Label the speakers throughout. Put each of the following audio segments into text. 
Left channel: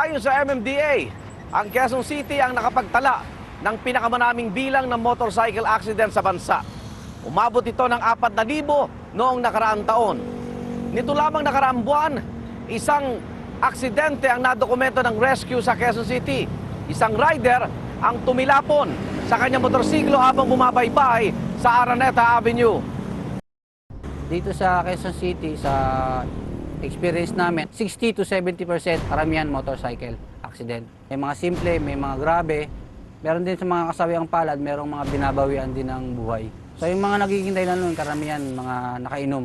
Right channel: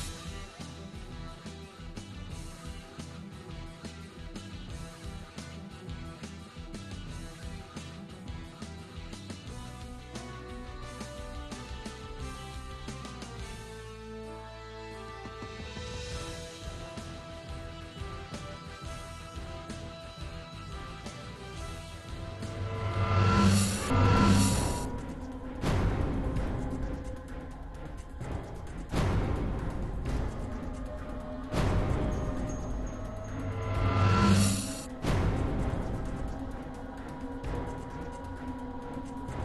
Speaker 1: Ayon sa MMDA, ang Quezon City ang nakapagtala ng pinakamanaming bilang ng motorcycle accident sa bansa. Umabot ito ng 4,000 noong nakaraang taon. Nito lamang nakaraang buwan, isang aksidente ang nadokumento ng rescue sa Quezon City. Isang rider ang tumilapon sa kanyang motorsiklo habang bumabaybay sa Araneta Avenue.
Speaker 2: Dito sa Quezon City, sa experience namin, 60 to 70% karamihan motorcycle accident. May mga simple, may mga grabe. Meron din sa mga kasawiyang palad, merong mga binabawian din ng buhay. So yung mga nagiging dahilan nun, karamihan mga nakainom.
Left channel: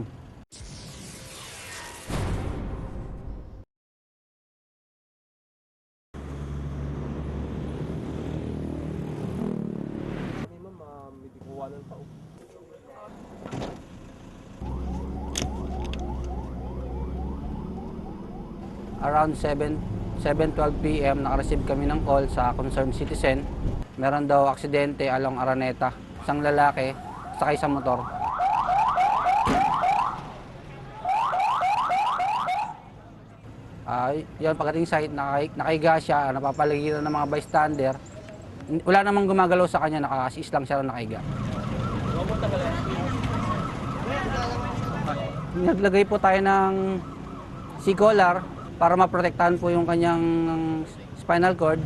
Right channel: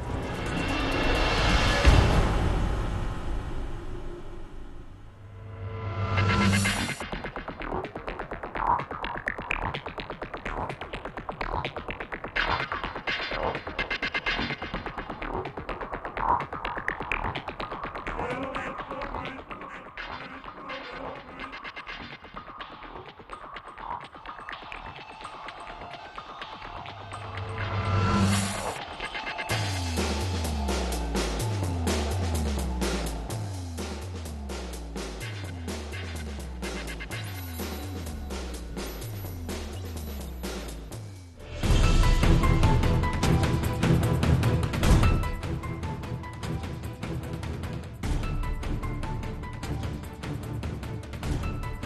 Speaker 2: Around 7, 7.12 p.m. nakareceive kami ng call sa concerned citizen. Meron daw aksidente along Araneta. Isang lalaki, sakay sa motor. Ay, yun, pagdating site, nakay, nakaiga siya, napapaligiran ng mga bystander. Wala namang gumagalaw sa kanya, naka-assist lang siya nakaiga. Naglagay po tayo ng C-collar para maprotektahan po yung kanyang spinal cord.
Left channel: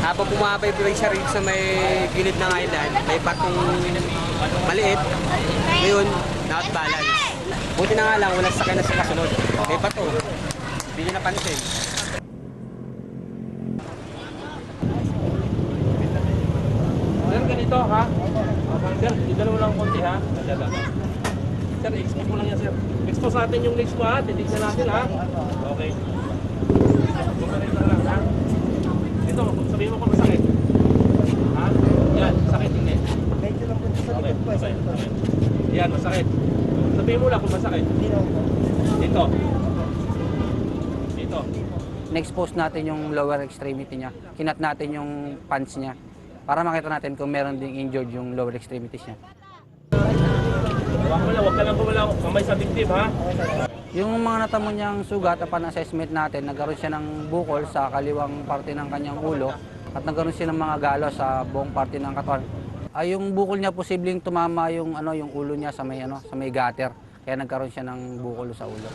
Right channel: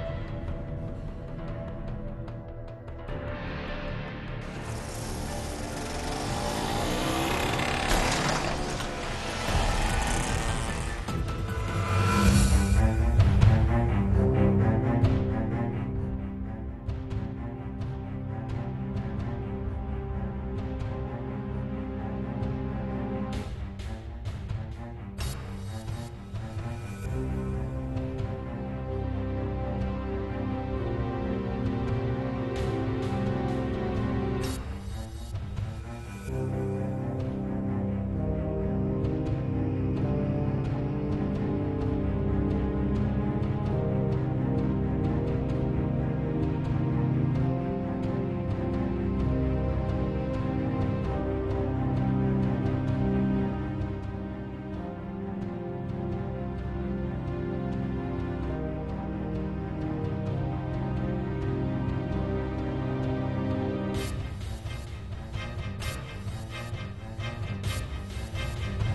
Speaker 3: Habang bumabay po siya rin sa may gilid ng island, may batong maliit. Ngayon, nakasbalance. Buti na nga lang, walang sakay na sa kasunod. May bato. Hindi niya napansin.
Speaker 4: Ganito ha. Sir, idalo mo lang konti ha. Sir, expose mo lang yan sir. Expose natin yung legs mo ha. Titignan natin ha. Okay. Ganito lang ha. Ito, sabihin mo kung masakit. Ha? Yan, sakit hindi. Okay, okay. Yan, masakit. Sabihin mo lang kung masakit. Dito. Dito.
Speaker 2: Na-expose natin yung lower extremity niya. Kinat natin yung pants niya para makita natin kung meron ding injured yung lower extremities niya.
Speaker 4: Huwag mo lang, huwag ka lang kumala. Mamay sa victim ha.
Speaker 2: Yung mga natamo niyang sugat, upon assessment natin, nagkaroon siya ng bukol sa kaliwang parte ng kanyang ulo at nagkaroon siya ng mga galo sa buong parte ng katawan. Ay yung bukol niya posibleng tumama yung ano yung ulo niya sa may ano sa may gutter. Kaya nagkaroon siya ng bukol sa ulo.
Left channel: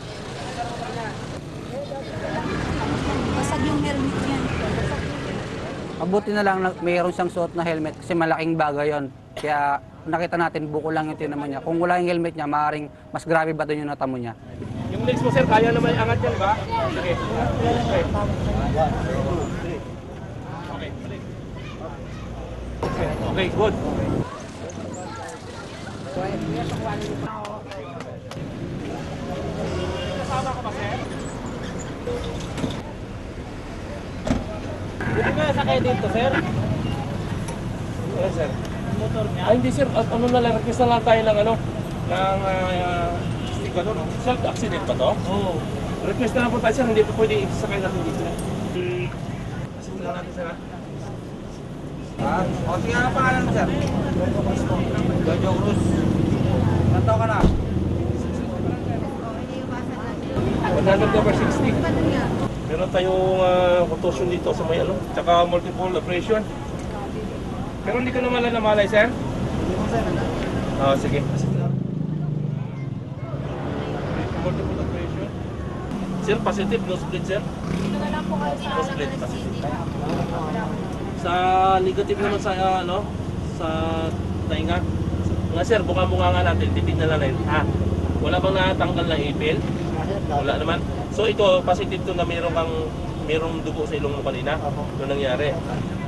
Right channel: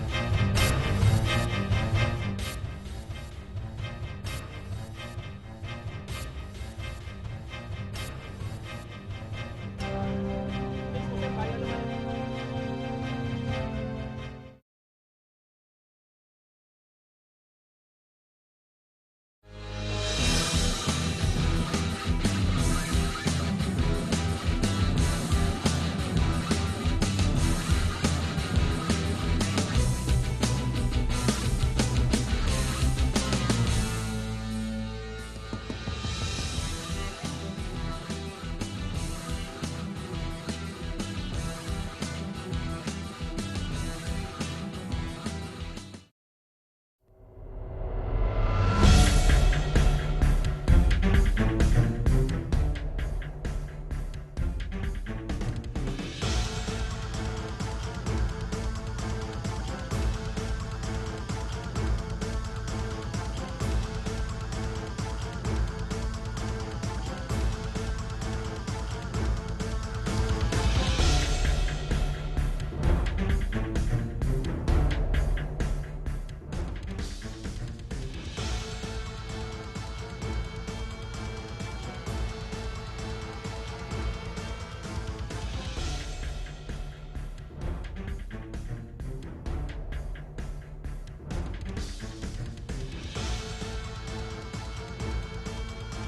Speaker 2: Mabuti na lang mayroon siyang suot na helmet kasi malaking bagay yon. Kaya nakita natin buko lang yung naman niya. Kung wala yung helmet niya, maaaring mas grabe ba doon yung natamo niya.
Speaker 4: Yung legs mo sir, kaya naman angat yan ba? Okay. Okay, good. Hindi ka sakay dito, sir? Yes, sir. Ay, hindi, sir. At ano na lang, request na lang tayo ng ano, ng uh, ganun. Self-accident ba to? Oo. Request na lang po tayo, sir. Hindi po pwede isasakay natin dito.
Speaker 2: Ah, o sige nga pangalan mo, sir. Jojo Cruz. Kanto ka na?
Speaker 4: 100 over 60. Meron tayong uh, contusion dito sa may ano, tsaka multiple abrasion. Pero hindi ka naman lang namalay, sir? Oo, sige. Multiple abrasion. Sir, positive, no split, sir? No split, positive. Sa negative naman sa uh, ano, sa tainga. Nga sir, buka-buka nga natin, titignan na natin. Ah, wala bang natanggal na ipil? Wala naman. So ito, positive to na mayroong kang mayroong dugo sa ilong mo kanina. Ano nangyari?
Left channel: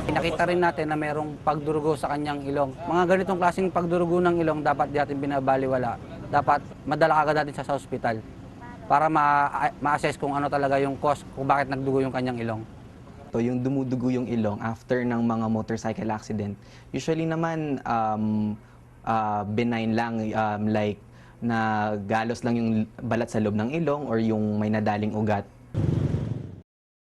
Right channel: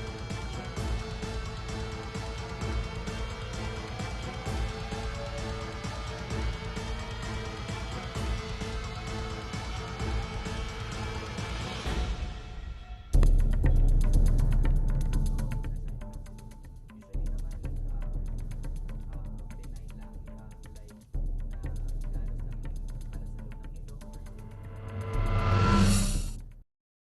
Speaker 2: Nakita rin natin na merong pagdurugo sa kanyang ilong. Mga ganitong klaseng pagdurugo ng ilong dapat di natin binabaliwala. Dapat madala agad natin sa ospital para ma- ma-assess kung ano talaga yung cause kung bakit nagdugo yung kanyang ilong.
Speaker 5: to yung dumudugo yung ilong after ng mga motorcycle accident. Usually naman um, uh, benign lang um, like na galos lang yung balat sa loob ng ilong or yung may nadaling ugat.